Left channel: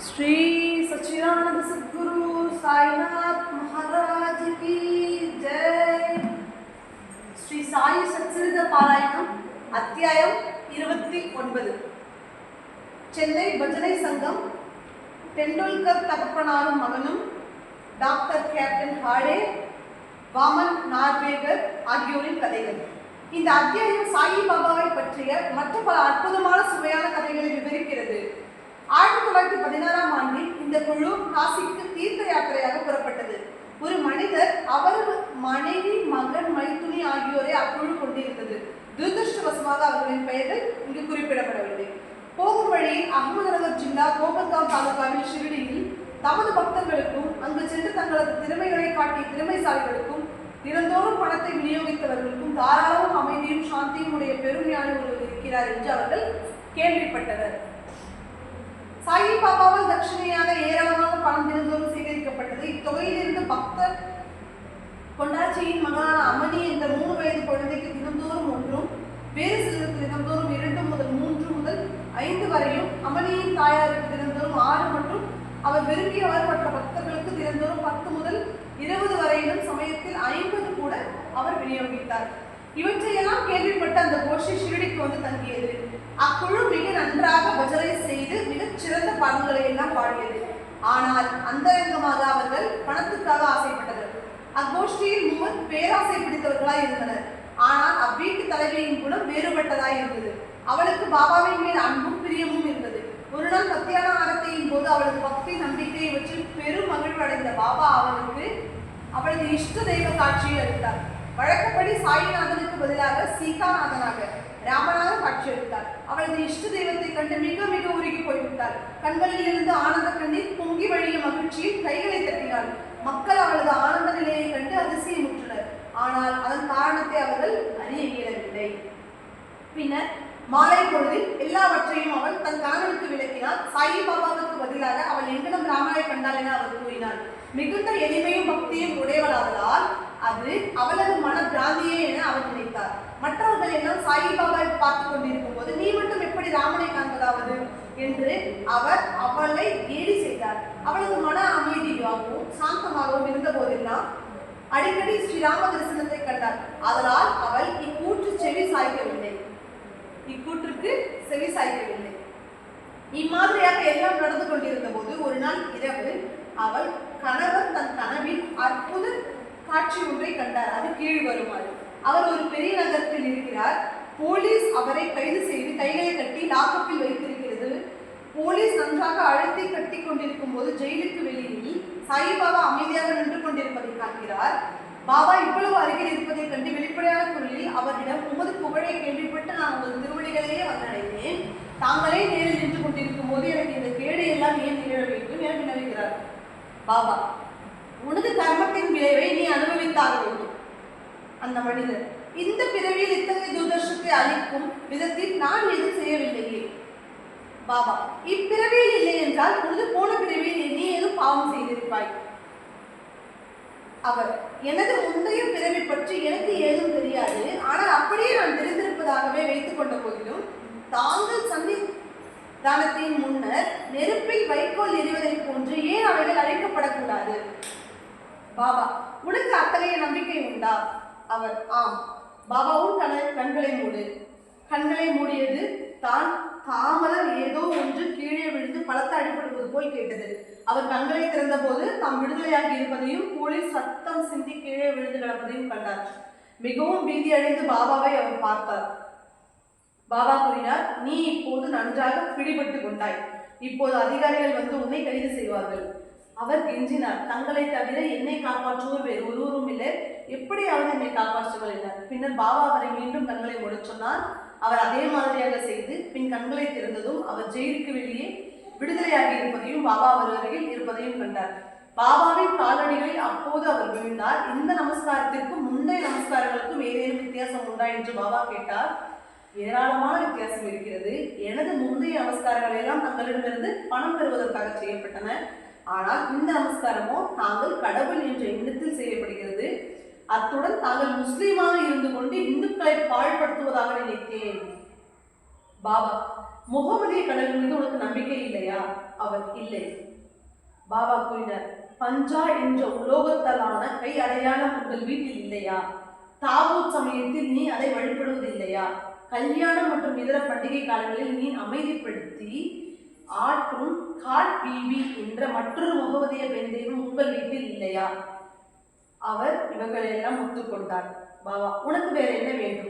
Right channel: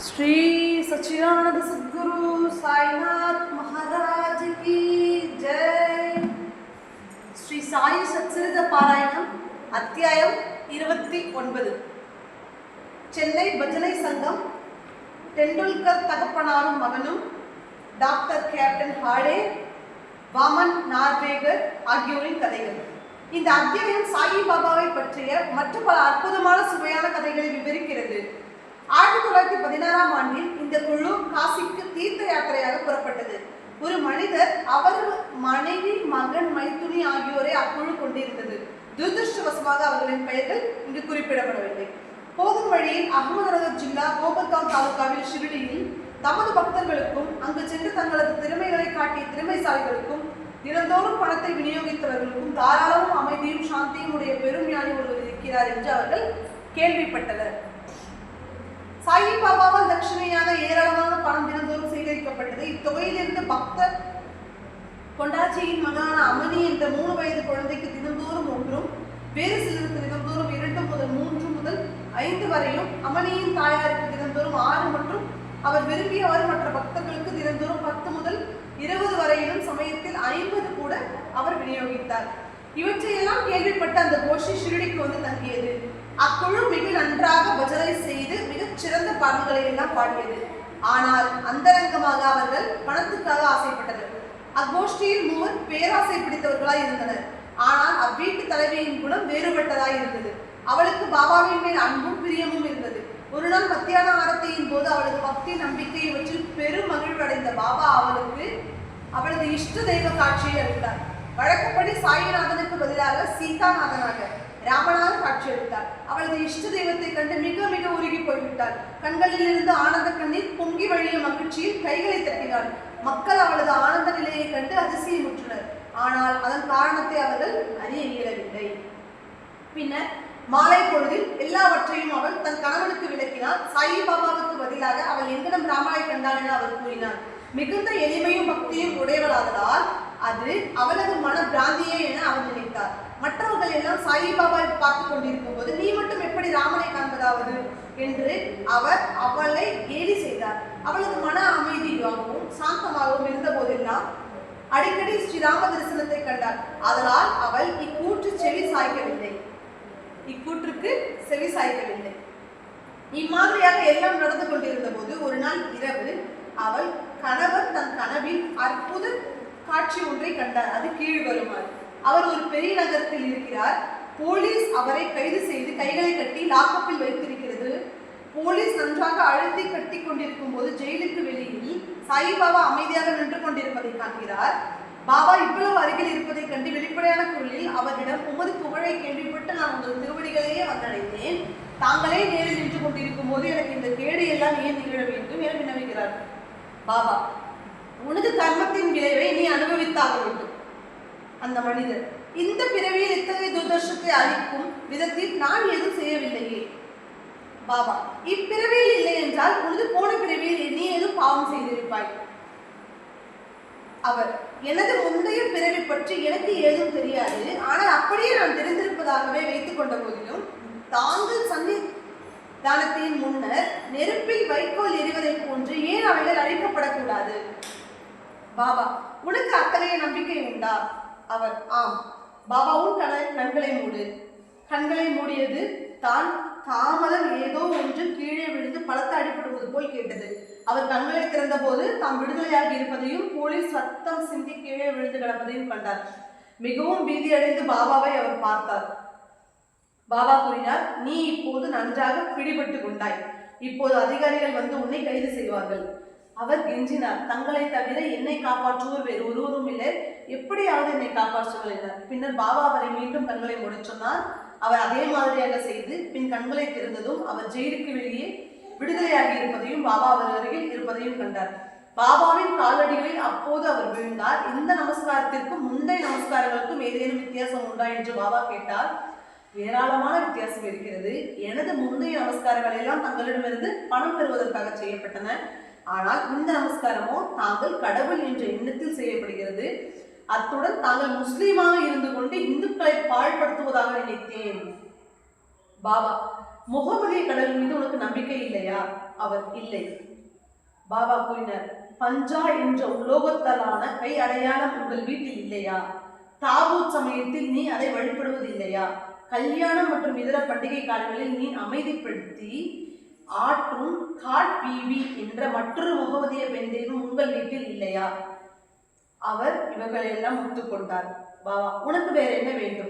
ஸ்ரீ சச்சிதானந்த சத்குரு சாய்நாத் மகாராஜ் கி ஜெய். ஸ்ரீ சாயி சச்சரித பாராயணம் அத்தியாயம் இருபத்தி ஒன்பது. சென்னை பஜனை சங்கம் டெண்டுல்கர் தகப்பனாரும் மகனும் டாக்டர் கேப்டன் ஹாடே வாமன் நார்வேகர் ஆகியோரின் கதைகள். இந்த அத்தியாயம் சாயி பாபாவை பற்றிய மற்ற பல அற்புதமான சுவையான அவர்களின் பெயர்கள் இங்கு குறிப்பிடப்படவில்லை. போகும் வழியில் அகமதுநகர் ஜில்லா கோபர்காம் தாலுகாவில் ஷிரடியில் தமது பக்தர்களுக்கும் அங்கு சென்று தங்களது திறமைகளை காட்டிய திறமைசாலிகளுக்கும் தினந்தோறும் பணத்தை விநியோகித்தவர்களுக்கும் தாராளமும் அமைதியும் சாந்தியும் உடைய பெரும் ஞானி ஒருவர் இருக்கிறார் என்று அவர்கள் கேள்விப்பட்டனர். சாயி பாபாவால் தட்சிணையாக ஏராளமான பணம் தினந்தோறும் சேகரிக்கப்பட்டது. இத்தொகையிலிருந்து பக்தர் கொண்டாச்சியின் மகனான அமதி என்ற மூணு வயது குழந்தைக்கு தினந்தோறும் ஒன்றும் வேறு சிலருக்கு தினந்தோறும் இரண்டு முதல் மூன்று முதல் ஐந்து வரையும் அமளியின் தாயாருக்கு தினந்தோறும் ஆறு மற்றும் அவர் விரும்பியவர் மற்ற பக்தர்களுக்கு தினந்தோறும் பத்து முதல் இருபது வரையிலும் சமயத்தில் ஐம்பது கூட அவர் விநியோகித்தார். இவற்றையெல்லாம் கேள்விப்பட்ட அந்த கோஷ்டி ஷிரடிக்கு வந்து தங்கியது. அக்குழு மிக நன்றாக பஜனை செய்து மிகச் சிறந்த பாடல்களை எல்லாம் பாடியது. ஆனால் அந்தரங்கமாக அவர்கள் பணத்துக்காக ஆசைப்பட்டனர். அக்கோஷ்டியில் மூவர் பேராசை பிடித்தவர்களாய் இருந்தனர். ஆனால் அவ்வீட்டு தலைவியின் குணம் வேறுபட்டதாய் இருந்தது. அவளுக்கு பாபாவின் மேல் அன்பும் பிரியமும் இருந்தது. ஒரு நாள் மத்தியான ஆரத்தியின் போது அவளது பக்தி நம்பிக்கையை வச்சு பெரும் மகிழ்வடைந்த பாபா அவளுக்கு அவளது இஷ்ட தெய்வ காட்சியை அளித்தார். வழக்கப்படி சாயிநாதனுக்கு பதிலாக சீதாநாதனாக ராமனாக காட்சியளித்தார். அவளது இஷ்ட தெய்வத்தை கண்டு மிக மிக உருகி போய்விட்டார் கண்களில் இருந்து ஆனந்த கண்ணீர் பொங்கி வழியும் மகிழ்ச்சியில் கைகளை தட்டினாள். மக்கள் அவளது ஆனந்த நிலையை கண்டு அதிசயமுற்றனர் ஆனால் அதன் காரணத்தை அவர்கள் அறிய இயலவில்லை பின்னர் மாலை பொழுதில் எல்லாவற்றையும் அவள் தன் கணவனுக்கு விளக்கினார் சாயி பாபாவுக்கு பதிலாக அவள் எங்கிடம் ராமனை கண்டாள் என அவர் கூறினார். மிகுந்த எளிமையும் பக்தியும் உடையவளாதலால் அது அவளது மன பிராந்தியே என அவர் நினைத்தார். மற்றவர்கள் எல்லாம் சாயி பாபாவை பார்த்து கொண்டிருக்கும் போது நீ மட்டும் எப்படி ராமனை காண்பதாவது? என்று அவர் அவளை கேலி செய்தார். அவளது மன அமைதியாகவும் சாந்தமாகவும் இருந்த போதெல்லாம் அடிக்கடி ஸ்ரீராம தரிசனத்தை கண்டார். அதனால் அவள் இக்கூற்று செவி சாய்க்கவில்லை. இக்கூற்றுக்கு செவி சாய்க்கவில்லை. இம்மாதிரியாக எல்லாம் நடந்து கொண்டிருந்த போது ஒரு நாள் இரவு அவள் கணவர் தன் கனவில் அற்புத காட்சி ஒன்றை கண்டார். அது கீழ் வருமாறு. அவர் ஒரு பெரிய நகரத்தில் இருக்கிறார். போலீஸ் அவரை கைது செய்து கைகளை கட்டி லாக்கப்பில் வைத்திருக்கிறது. போலீஸ் நன்றாக அழுத்தி கட்டி கொண்டிருக்கும் போது ஜெயிலுக்கு வெளியில் சாயிபாபா அமைதியாக நின்று கொண்டிருப்பதை காண்கிறார். பாபா இவ்வளவு அருகில் இருப்பதை கண்டு வெளிப்படையான குரலில் அவரிடம் உமது புகழை கேள்விப்பட்டு நான் உங்கள் திருவடிகளையே வந்தடைந்தேன். தாங்களே நேரில் நின்று கொண்டிருக்கும் போது எனக்கு இந்த கேடு எல்லாம் ஏன் நிகழ வேண்டும் என வினவுகிறார். பாபா உனது கர்மத்தின் விளைவை நீ அனுபவித்தாக வேண்டும். அந்த மனிதர் இந்த பிறவியில் இத்தகைய துர்தர்ஷத்தை அளிக்கும் விதத்தில் நான் எதுவும் செய்யவில்லையே. பாபா இப்பிறவியில் இல்லை என்றால் உனது போன பிறவியில் நீ பாவம் செய்திருப்பாய். அவர் எனது முந்தைய பிறவி பற்றி எனக்கு ஏதும் தெரியாது. ஆனால் அப்படியே நான் தெரிந்திருப்பதாகவே வைத்துக் கொண்ட போதிலும் தாங்கள் சந்தி தானத்தின் முன்னர் நெருப்பில் வைக்கோல் எறிவதைப் போன்று ஏன் அவைகள் அழைக்கப்படக்கூடாது? பாபா உனக்கு அத்தகைய நம்பிக்கை உண்டா? அவர் ஆம். பாபாவும் கண கண்களை மூடு. கண்களை மூடியது தான் தாமதம் ஏதோ ஒன்று கீழே விழுந்து பலத்த அடிபடுவது போல் கேட்டது. அவர் கண்களை திறந்தபோது தாம் விடுதலையாகி இருப்பதையும் போலீஸ் ரத்தம் சிந்தி கீழே விழுந்து கிடப்பதையும் கண்டார். மிகவும் பீதியடைந்து பாபாவை அவர் பார்த்தார். பாபா கூறினார் நீ இப்போது நன்றாக பிடிபட்டு கொண்டாய். இப்போது அதிகாரிகள் வந்து உன்னை கைது செய்வார்கள். அவர் கெஞ்சினார் தங்களை தவிர என்னை காப்பாற்றுவோர் வேறு ஒருவரும் இல்லை. எப்படியாவது என்னை காப்பாற்றுங்கள் என்றார். பின்னர் பாபா அவரை மீண்டும் கண்களை முடிச்சொன்னார் அவர் அதே மாதிரியாக செய்து பின் கண்களை திறந்ததும் அவர் ஜெயிலுக்கு வெளியே விடுதலையாகி இருப்பதையும் பாபா அவர் அருகில் இருப்பதையும் கண்டார். பாபாவின் காலடிகளில் அப்போது அவர் விழுந்தார். இந்த நமஸ்காரத்திற்கும் முந்தைய நமஸ்காரங்களுக்கும் ஏதேனும் வித்தியாசம் உண்டா என்று பாபா கேட்டார். ஏராளமான வித்தியாசம் இருக்கிறது. எனது முந்தைய நமஸ்காரங்கள் எல்லாம் தங்களிடமிருந்து பணம் பெறுவதற்காக செய்யப்பட்டன. ஆனால் இந்த நமஸ்காரமோ தாங்கள் கடவுள் என்ற எண்ணத்தில் செய்யப்படுகிறது. அத்துடன் தாங்கள் முஸ்லீமாக இருந்து கொண்டு இந்துக்களை பாழ்படுத்துவதாக நினைத்தேன். பாபா முகமதிய கடவுள் மீது உனக்கு நம்பிக்கை இல்லையா? அவர் இல்லை. பாபா கூறினர் பஞ்சா என்ற உலோகத்தாலான கை அடையாளம் உங்கள் வீட்டில் இல்லையா? தாவூத் சமயத்தில் நீ அதை வழிபடுவதில்லையா? கல்யாணம் மற்றும் இதர பண்டிகை காலங்களில் நீ அமைதிப்படுத்தி ஆட்டும் காட் பீவி என்ற மற்றொரு முகமதிய பெண் தெய்வம் உங்கள் வீட்டில் இல்லையா? அவர் இவங்களை எல்லாம் ஒத்துக்கொண்டார் பாபா உனக்கு வேற என்ன வேண்டும்?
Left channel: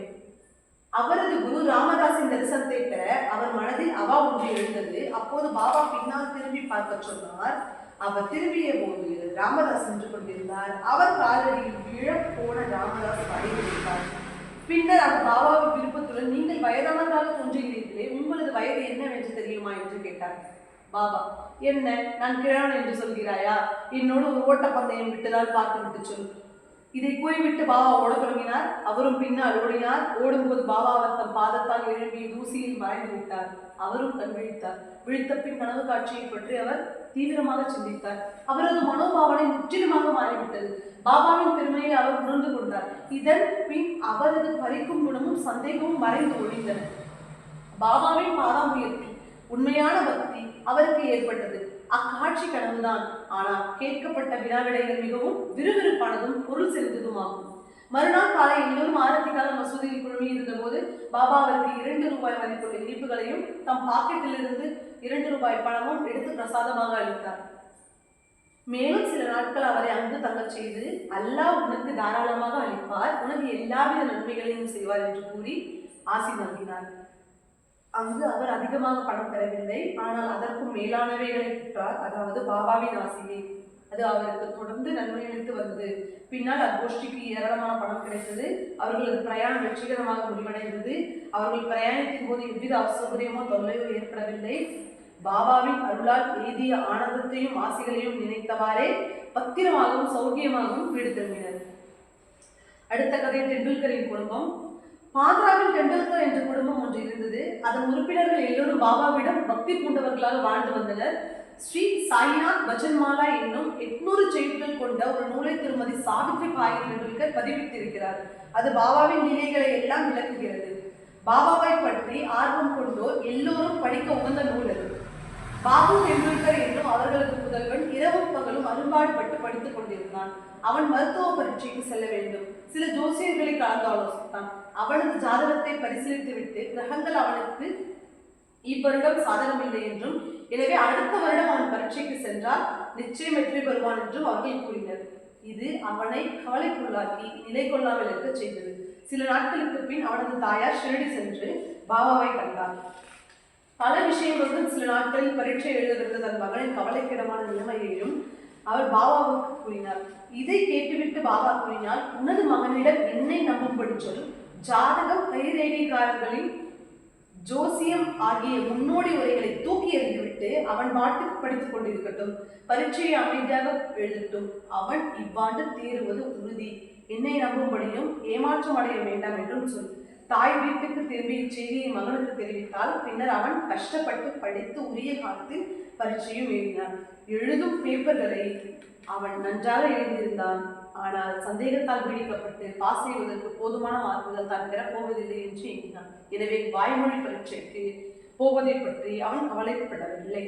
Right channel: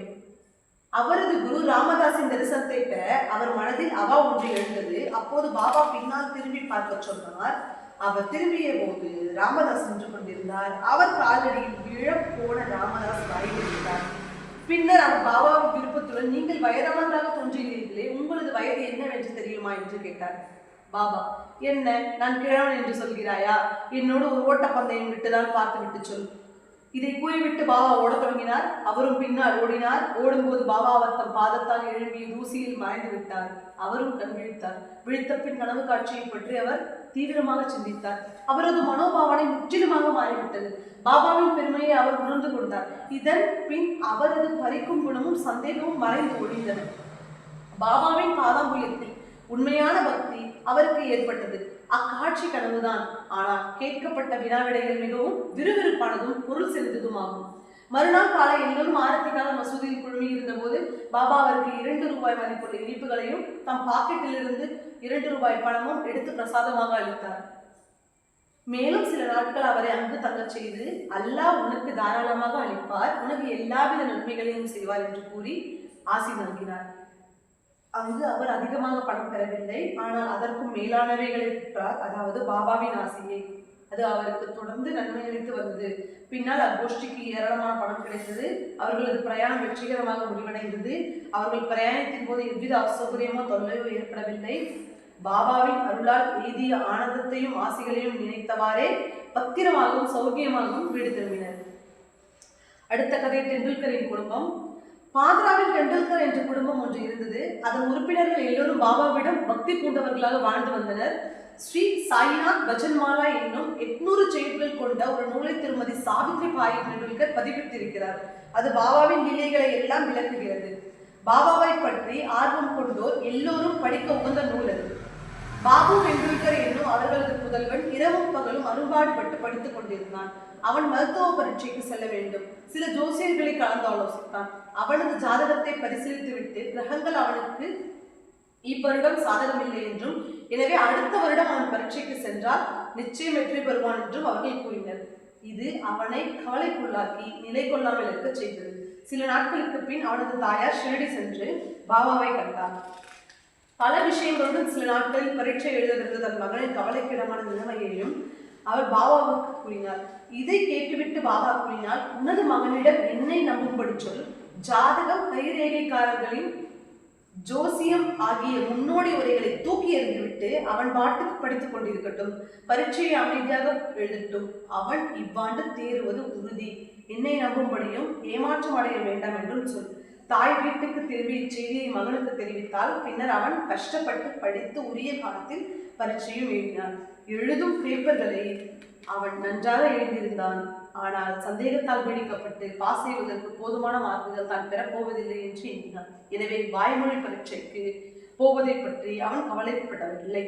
அவரது குரு ராமதாஸின் தரிசனத்தை பெற அவர் மனதில் அவா ஒன்று எழுந்தது. அப்போது பாபா பின்னால் திரும்பி பார்க்க சொன்னார். அவர் திரும்பிய போது ராமதாஸ் நின்று கொண்டிருந்தார். அவர் காலடியில் விழ போன ராமதாஸ் பயன்படுத்தார் பின்னர் அவர் பாபாவின் விருப்பத்துடன் நீங்கள் வயதானதாக தோன்றுகிறீர்களே உங்களது வயது என்னவென்று தெரியுமா? என்று கேட்டார். பாபா என்ன நான் கிழவன் என்று சொல்கிறாயா? என்னோடு ஒரு ஓட்டப்பந்தயம் விட்டுதான் பார்த்து விட்டு சொல். இதை கூறிவிட்டு பாபா ஓட தொடங்கினார் அவரும் பின்னால் ஓடினார். ஓடும்போது பாபா அவர் தம் பாதத்தால் எழும்பிய தூசியில் மறைந்து விட்டார். அவரும் கண் விழித்தார். விழித்த பின் கனவு காட்சியை பற்றி அவர் தீவிரமாக சிந்தித்தார். அவரது மனோபாவனை முற்றிலுமாக மாறிவிட்டது. பாபாவின் பெருமையை அவர் உணர்ந்து கொண்டார். இதன் பின் அவரது பறிக்கும் குணமும் சந்தேகமும் மறைந்து ஒடிந்தன பாபாவின் பாதாம்புயத்தில் உண்மையான பக்தி அவருக்கு ஏற்பட்டது. அக்காட்சி கனவுதான் ஆனால் கேட்கப்பட்ட வினாவிடைகள் மிகவும் விறுவிறுப்பானதும் பொருள் செலுத்ததுமாகும். மறுநாள் காலை எல்லோரும் ஆரத்திக்கால மசூதியில் குழுமி இருந்தபோது பாபா அவருக்கு இரண்டு ரூபாய் மதிப்புள்ள இனிப்புகளையும் தம் பாக்கெட்டிலிருந்து இரண்டு ரூபாய் பணமும் எடுத்து பிரசாதமாக அளித்தார். மேலும் சில நாட்கள் அவரை அங்கு தங்கச் செய்து அல்லாஹ் உனக்கு தாராளமாக அளிப்பார். உனக்கு எல்லாவித நன்மைகளையும் செய்வார் என்று கூறி ஆசி நல்கினார் அங்கு அவர் அதிகமாக பணம் பெறவில்லை. ஆனால் அதற்கும் மேலானவைகளை பெற்றார். அதாவது பாபாவின் ஆசையை. அது அவருக்கு தொடர்ந்து நன்மை அளித்து வந்தது. பின்னால் அக்கோஷ்டிக்கு ஏராளமான பணம் கிடைத்தது. அவர்களது பிரயாணம் வெற்றிகரமாக முடிவடைந்தது. அவர்கள் பிரயாணத்தின் போது எவ்வித அசௌகரியமோ தொல்லையோ ஏற்படவில்லை. பாபாவின் அருளால் எய்திய ஆனந்தத்தையும் ஆசைகளையும் நினைத்தவாறே பத்திரமாகவும் சௌக்கியமாகவும் வீடு திரும்பினர். அடுத்த கதை டெண்டுல்கரின் குடும்பம். பாத்ராவில் டெண்டுல்கர் என்ற குடும்பம் ஒன்று இருந்தது. அதன் உறுப்பினர்கள் எல்லோரும் பாபாவிடம் பக்தி பூண்டவர்களாக வாழ்ந்து வந்தனர். ஸ்ரீ சாயிநாத் பஜன்மாலா என்னும் எட்நூறு செய்திகள் கொண்ட ஒரு நூலை திருமதி சாவித்ரி பாய் டெண்டுல்கர் பதிவிட்டிருக்கிறார். அது பாபாவின் நிலைகளை எல்லாம் விளக்குகிறது. பாபாவை பற்றி ஆர்வம் கொண்டோர் எல்லோரும் படிக்க உகந்த நூல் அது. பாபு டெண்டுல்கர் என்னும் அவர்களது புதல்வன் இரவும் பகலும் அரும்பாடுபட்டு படித்துக் கொண்டிருந்தான். அவன் மருத்துவ பரீட்சைக்கு செல்ல வேண்டும். சில ஜோசியர்களை கலந்து ஆலோசித்தான். அவனது ஜாதகத்தை பரிசீலித்துவிட்டு கிரகங்கள் அவனுக்கு இவ்வருடம் சாதகமில்லை என்றும் எனவே அடுத்த வருடம் அவன் பரீட்சைக்கு சென்றால் நிச்சயம் வெற்றி பெறுவான் என்றும் அவர்கள் கூறினர். இது அவனை கவலைக்குள்ளாக்கி நிலை கொள்ளாமல் இருக்கச் செய்தது. சில நாட்களுக்கு பின் அவனது தாயார் ஷிரடி சென்று பாபாவை கண்டார். பல விஷயங்களுடன் சில நாட்களில் பரீட்சை எழுதுகிறது தன் மகளின் கவலைக்கிடமான நிலைமையையும் அவர் பாபாவுக்கு கூறினார். இதை கேட்டுவிட்டு பாபா கூறினார் உனது மகனிடம் என்னை நம்பும்படி சொல். ஜாதகம் கைரேகைக்காரர்களின் ஜோசியம் ஆகிய முன்னோடி உரைகளை தூக்கி எறிந்துவிட்டு அவன் பாட்டுக்கு படித்துக் கொண்டிருக்கட்டும் பரீட்சையை அமைதியாக எழுதட்டும் அவன் இவ்வாண்டு தேறுவது உறுதி. என்னை நம்பும்படியும் ஏமாற்றம் அடைய வேண்டாம் என்றும் சொல். தாய் வீட்டுக்கு திரும்பி இச்செய்தியை மகனுக்கு தெரிவித்தால் பின்னர் அவன் கஷ்டப்பட்டு படித்து உரிய காலத்தில் பரீட்சையும் எழுதினான். எழுதும் பேப்பர்களை அவன் நன்றாக எழுதியிருந்தான். ஆனால் சந்தேகத்தால் பீடிக்கப்பட்டு பாஸ் செய்வதற்கு போதுமான மார்க்குகள் தான் பெறப்போவதில்லை என்று எண்ணினான். எனவே வாய்மொழி பரீட்சைக்கு போவதை பற்றி அவன் கவலைப்படவில்லை.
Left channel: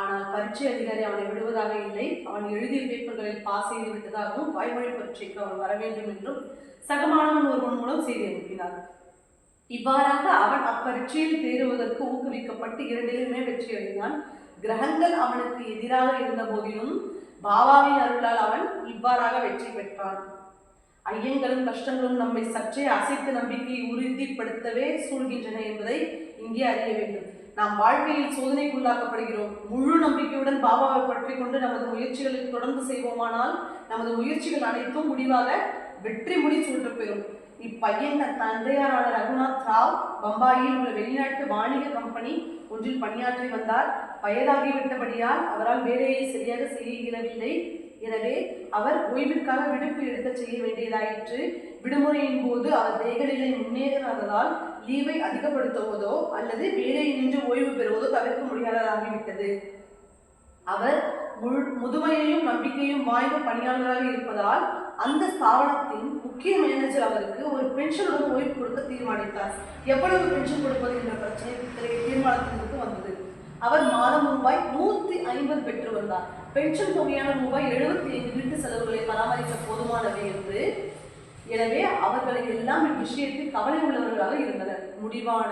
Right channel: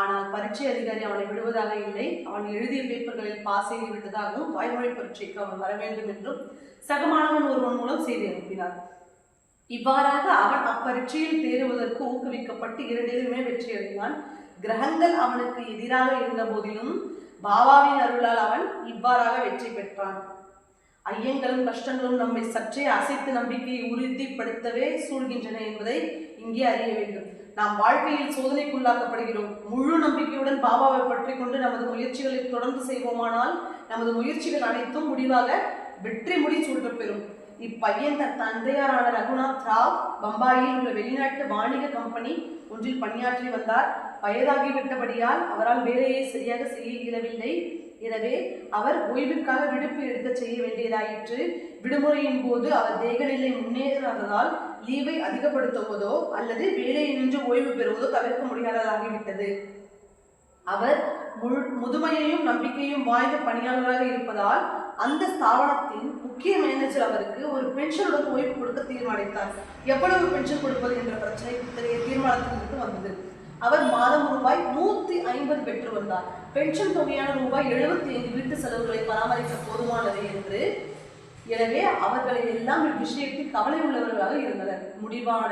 ஆனால் பரீட்சை அதிகாரி அவனை விடுவதாக இல்லை. அவன் எழுதிய பேப்பர்களில் பாஸ் செய்து விட்டதாகவும் வாய்மொழி பரீட்சைக்கு அவன் வர வேண்டும் என்றும் சகமானவன் ஒருவன் மூலம் செய்தி அனுப்பினார் இவ்வாறாக அவன் அப்பரீட்சையில் தேறுவதற்கு ஊக்குவிக்கப்பட்டு இரண்டிலுமே வெற்றியடைந்தான். கிரகங்கள் அவனுக்கு எதிராக இருந்த போதிலும் பாபாவின் அருளால் அவன் இவ்வாறாக வெற்றி பெற்றான். ஐயங்களும் கஷ்டங்களும் நம்மை சற்றே அசைத்து நம்பிக்கையை உறுதிப்படுத்தவே சூழ்கின்றன என்பதை இங்கே அறிய வேண்டும். நாம் வாழ்க்கையில் சோதனைக்குள்ளாக்கப்படுகிறோம். முழு நம்பிக்கையுடன் பாபாவை பற்றி கொண்டு நமது முயற்சிகளை தொடர்ந்து செய்வோமானால் நமது முயற்சிகள் அனைத்தும் முடிவாக வெற்றி முடி சூட்டப்பெறும் இப்பையன் தன் தந்தையாரான ரகுநாத் ராவ் பம்பாயில் உள்ள வெளிநாட்டு வாணிக கம்பெனி ஒன்றில் பணியாற்றி வந்தார். வயதாகிவிட்டபடியால் அவரால் வேலையை சரியாக செய்ய இயலவில்லை. எனவே அவர் ஓய்விற்காக விடுப்பு எடுக்க செய்ய வேண்டியதாயிற்று. விடுமுறையின் போது அவர் தேகநிலை முன்னேறாததால் லீவை அதிகப்படுத்துவதோ அல்லது வேலையை நின்று ஓய்வு பெறுவதோ தவிர்க்க முடியாததாகிவிட்டது. அவர் முதுமையையும் நம்பிக்கையும் வாய்ந்த பணியாளராக இருப்பதால் அந்த ஸ்தாபனத்தின் முக்கிய மேனேஜர் அவருக்கு ஒரு பென்ஷனுடன் ஓய்வு கொடுக்க தீர்மானித்தார். எவ்வளவு பென்ஷன் கொடுப்பது என்ற பிரச்சனை தீர்மானத்தின் அவர் மாதம் ரூபாய் நூத்தி ஐம்பது பெற்று வந்தார் பென்ஷன் தொகையான ரூபாய் எழுபத்தி ஐந்து வீட்டு செலவுகளை பராமரிக்க போதுமானது என்று. எனவே அவர்களை எல்லாம் இவ்விஷயத்தில் கவலை உள்ளவர்களாக இருந்தனர். முடிவான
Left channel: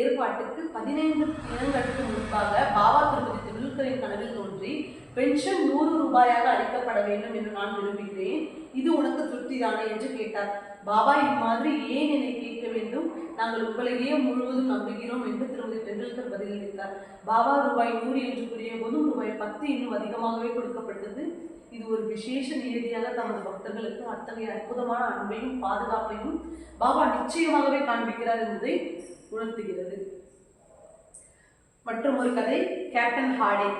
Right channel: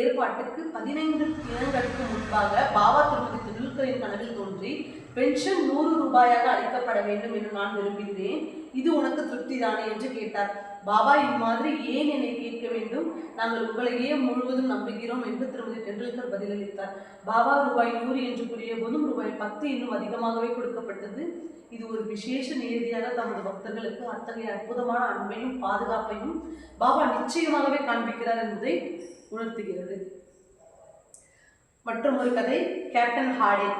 ஏற்பாட்டுக்கு பதினைந்து தினங்களுக்கு முன்பாக பாபா திருப்பதி திண்டுல்கரின் கனவில் தோன்றி பென்ஷன் நூறு ரூபாயாக அளிக்கப்பட வேண்டும் என்று நான் விரும்புகிறேன் இது உனக்கு திருப்திதானே? என்று கேட்டார். பாபா இம்மாதிரி ஏன் என்னை கேட்க வேண்டும்? நாங்கள் உங்களையே முழுவதும் நம்புகிறோம் என்று திருமதி டெண்டுல்கர் பதிலளித்தார். பாபா ரூபாய் நூறு என்று கூறிய போதும் ரூபாய் பத்து இன்னும் அதிகமாகவே கொடுக்கப்பட்டது. இது ஒரு விசேஷ நியதியாக தமது பக்தர்களுக்கு அத்தகைய அற்புதமான அன்பையும் பாதுகாப்பையும் பாபா நிச்சயமாகவே காண்பிக்கிறார் என்பதை உணர்த்துகிறது. மற்றும் ஒரு கதை கேப்டன் ஹாடே.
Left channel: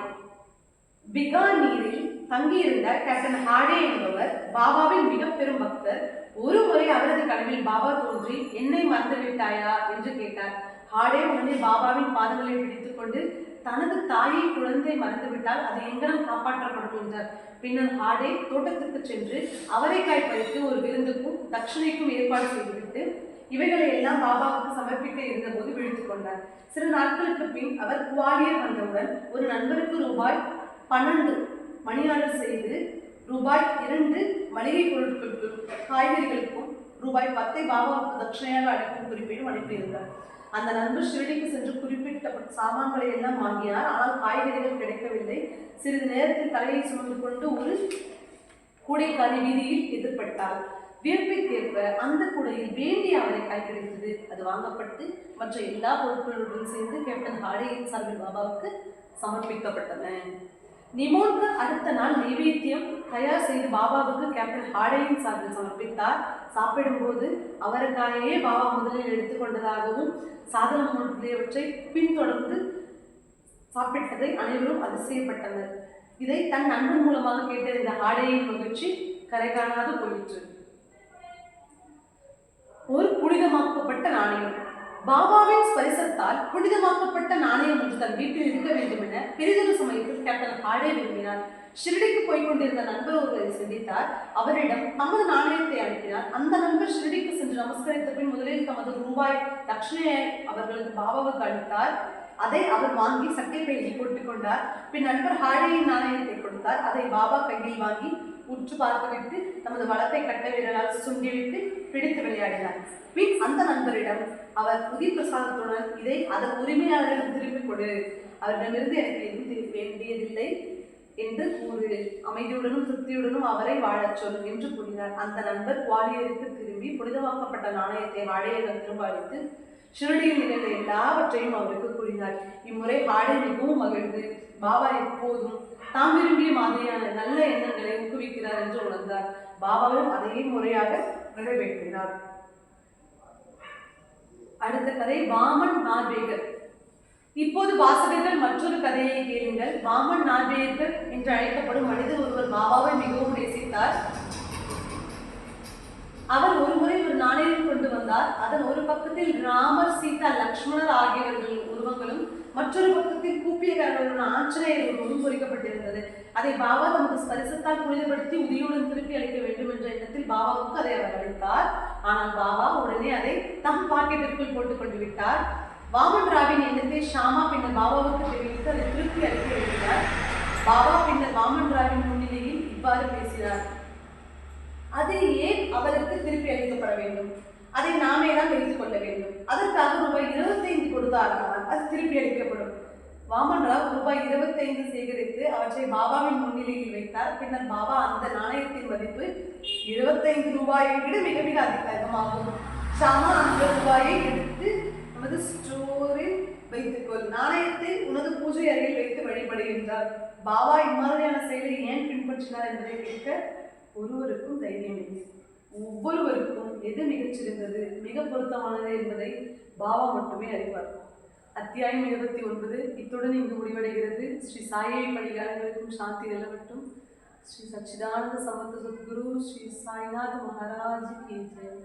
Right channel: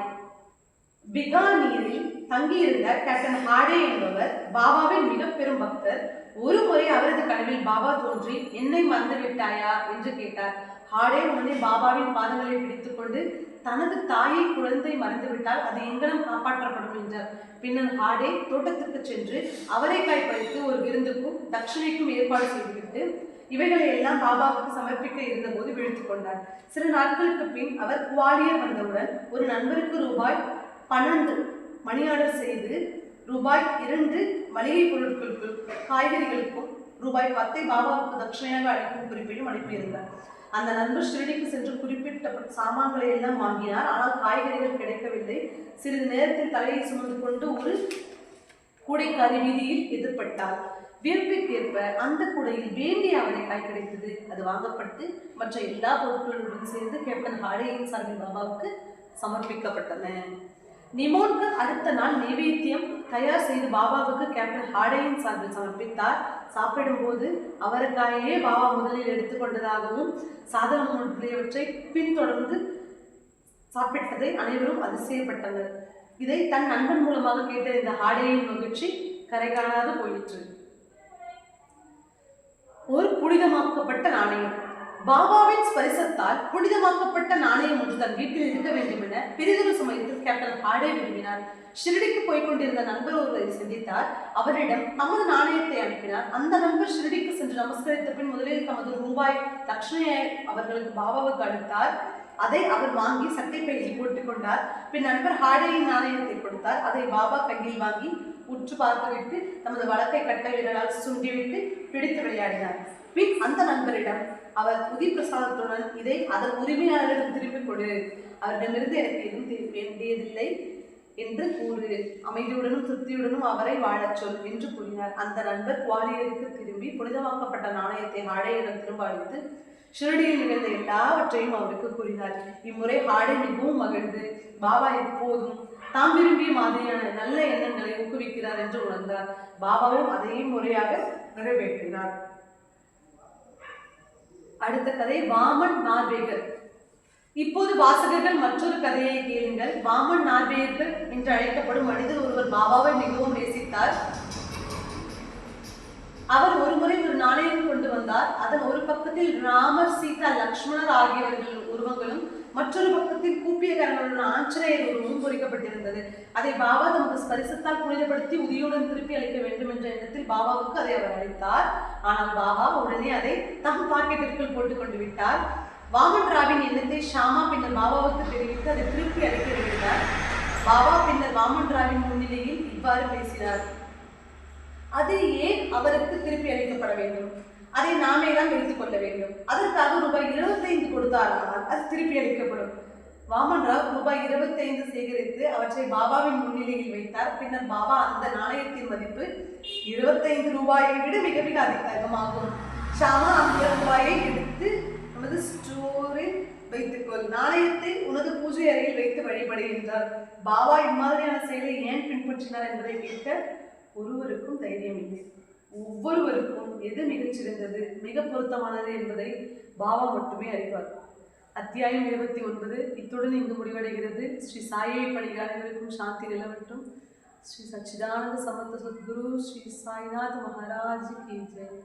பிகானீரில் தங்கியிருந்த கேப்டன் ஹாடே என்பவர் பாபாவின் மிக பெரும் பக்தர். ஒரு முறை அவரது கனவில் பாபா தோன்றி என்னை மறந்து விட்டாயா? என்று கேட்டார். ஹாடே உடனே பாபாவின் பாதங்களை பிடித்துக்கொண்டு தனது தாயை குழந்தை மறந்துவிட்டால் அது எங்கனம் காப்பாற்றப்படும் என்றார். பின்னர் ஹாடே தோட்டத்துக்கு சென்று அவரைக்காய் பறித்து ஒரு விருந்துக்கும் தட்சிணைக்கும் ஏற்பாடு செய்துவிட்டு இவைகளை எல்லாம் பாபாவுக்கு சமர்ப்பிக்க இருந்தபோது விழித்துக் கொண்டார். சில நாட்களுக்கு பின் அவர் குவாலியர் வந்தவுடன் ஒரு நண்பருக்கு ரூபாய் பன்னெண்டு மணி செய்து ரூபாய் இரண்டு மளிகை பொருட்களுக்கும் காய்கறிகளுக்கும் ரூபாய் பத்தை பாபாவுக்கு தட்சிணையாக அளிக்கும் குறிப்பிடும் அனுப்பியிருந்தார். அந்த நண்பர் ஷிரடிக்கு சென்று குறிப்பிட்ட சாமான்களை எல்லாம் வாங்கினார். ஆனால் காய்கறிகள் கிடைக்கவில்லை. சிறிது நேரத்தில் தலையை சுமந்து கொண்டு ஒரு கூடைக்காரி வீதியில் எதிர்பட்டார். வியப்பிற்கேற்ப அந்த கூடையில் வேண்டிய அவரைக்காய் கிடைத்தது. அது வாங்கப்பட்டு மற்ற எல்லா பொருட்களுடன் சேர்ந்து கேப்டன் ஹாரியின் சாமி பாபாவுக்கு சமர்ப்பிக்கப்பட்டன. நிமோனுக்கு அடுத்த நாள் நைவேத்தியம் தயார் செய்து பாபாவுக்கு கேப்டன் ஹாடேயின் சார்பில் சமர்ப்பித்தார். சாப்பிடும்போது அவருக்காயே பாபா முதலில் எடுத்துக்கொண்டதாகவும் சாதனம் முதலியவற்றை பின்தொடர்ந்து சாப்பிட்டதை அனைவரும் அதிசயப்பட்டனர். இதை தன் நண்பன் மூலமாக கேட்டறிந்த ஹாடையின் மகிழ்ச்சி கரை காணாத போயிற்று. ஒரு புனிதமாக்கப்பட்ட நாணயம். பாபாவின் ஸ்பரிசத்தால் புனிதமாக்கப்பட்ட நாணயம் ஒன்று தன் வீட்டில் இருக்க வேண்டும் என பெரிதொரு சமயத்தில் கேப்டன் ஹாடே விரும்பினார். ஷிரடிக்கு போய் கொண்டிருந்த நண்பர் ஒருவரை சந்தித்தார். அவரிடம் தமது நாணயத்தை அனுப்பினார். அந்த நண்பர் ஷிரடிக்கு சென்று நமஸ்கரித்த பின் முதலில் தமது ரூபாய் தட்சிணையை அவர்களுக்கு பாபாவுக்கு அளித்தார். அதை அவர் வாங்கி சட்டை பையில் போட்டுக் கொண்டார். பின் நண்பர் ஹாடேயின் நாணயத்தை கொடுத்தார். அதை பாபா கையில் வாங்கி உற்று பார்த்துவிட்டு தமது வழக்கை கட்ட விரலால் சுண்டிவிட்டு பிடித்து விளையாடினார். பின் அந்த நண்பரிடம் அவர் புதி பிரசாதத்துடன் இதை அதன் உரிமையாளரிடம் திரும்பிக் கொடு. அவரிடமிருந்து எனக்கு எதுவும் வேண்டியதில்லை. என்று கூறு. அமைதியுடனும் திருப்தியுடனும் அவரை வாழச் சொல் என்று கூறினார். அந்த நண்பர் குவாலியருக்கு திரும்பி புனிதமாக்கப்பட்ட நாணயத்தை ஹாடையிடம் திரும்ப அளித்து ஷிரடியில் நிகழ்ந்த எல்லாவற்றையும் அவருக்கு கூறினார். இம்முறை ஆடை மிகவும் மகிழ்ந்து பாபா எப்போதும் தாம் விரும்பிய மாதிரியான நல்ல எண்ணங்களை ஊக்குவிக்கிறார் என்று உணர்ந்தார். பாபாவும் அதையே முறையாக நிறைவேற்றினார் அடுத்த கதை வாமன் நார்வேகர் இப்போது வாசகர்கள் மற்றொரு கதையை கேளுங்கள். வாமன் நார்வேயர்கள் என்று அழைக்கப்படும் மனிதர் ஒருவர் பாபாவை மிகவும் நேசித்தார். அவர் ஒருமுறை ஒரு நாணயம் கொண்டு வந்தார். அதன் ஒரு பக்கத்தில் ராமர் சீதா லக்ஷ்மணர் ஆகியவர்கள் உருவங்களும் மற்றொரு பக்கத்தில் கூப்பியக்காரர்களுடன் ஆஞ்சநேயர் உருவம் குறிக்கப்பட்டிருந்தது அதை பாபா தமது ஸ்பரிசத்தால் புனிதப்படுத்தி உதியுடன் திருப்பி அளிக்க வேண்டும் என்ற எண்ணத்தில் பாபாவுக்கு அதை அவர் அளித்தார். ஆனால் பாபா உடனே அதை தம் பாக்கெட்டிற்குள் போட்டுக் கொண்டு விட்டார். வாமன் ராவின் எண்ணத்தை ஷாமா பின்னர் பாபாவுக்கு தெரிவித்து அதை திருப்பி அளிக்க விரும்பினார் பாபா பின்னர் வாமன் ராவின் முன்னிலையில் இவ்வாறு பேசினார். அது ஏன் அவருக்கு திருப்பி அளிக்கப்பட வேண்டும்? அதை நாமே தான் எடுத்துக் கொள்ள வேண்டும். அதற்காக ரூபாய் இருபத்தைந்து கொடுத்தாரானால் அது திருப்பி அளிக்கப்படும். வாமன் ராவ் ரூபாய் இருபத்தைந்து சேகரித்து அவற்றை பாபாவின் முன்னிலையில் வைத்தார். பின்னர் பாபா அந்த நாணயத்தின் மதிப்பு இருபத்தைந்து ரூபாயை விட மிக மிக அதிகமாகும். ஷாமா அந்த ரூபாயை எடுத்து நமது ஸ்டோரில் வைத்துக்கொள். நாணயத்தை உனது பூஜை அறையில் வைத்து வழிபடுகின்றார். பாபா இம்மாதிரியான செயலை ஏன் பின்பற்றினார் என்பதை கேட்க ஒருவருக்கும் தைரியம் இல்லை. ஒவ்வொருவருக்கும் எது மிகச்சிறந்தது மிக பொருத்தமானது என்பதை பாபா மட்டுமே அறிவார். அத்தியாயம் இருபத்தி ஒன்பது. இத்துடன் இங்கு முடிவடைகிறது. ஸ்ரீ சாயை பணியாளர்களுக்கும் சாந்தி நிலவட்டும். ஸ்ரீ சச்சிதானந்த சமந்த சத்குரு ஸ்ரீ சாய்நாத் மகாராஜ் கி ஜெய்.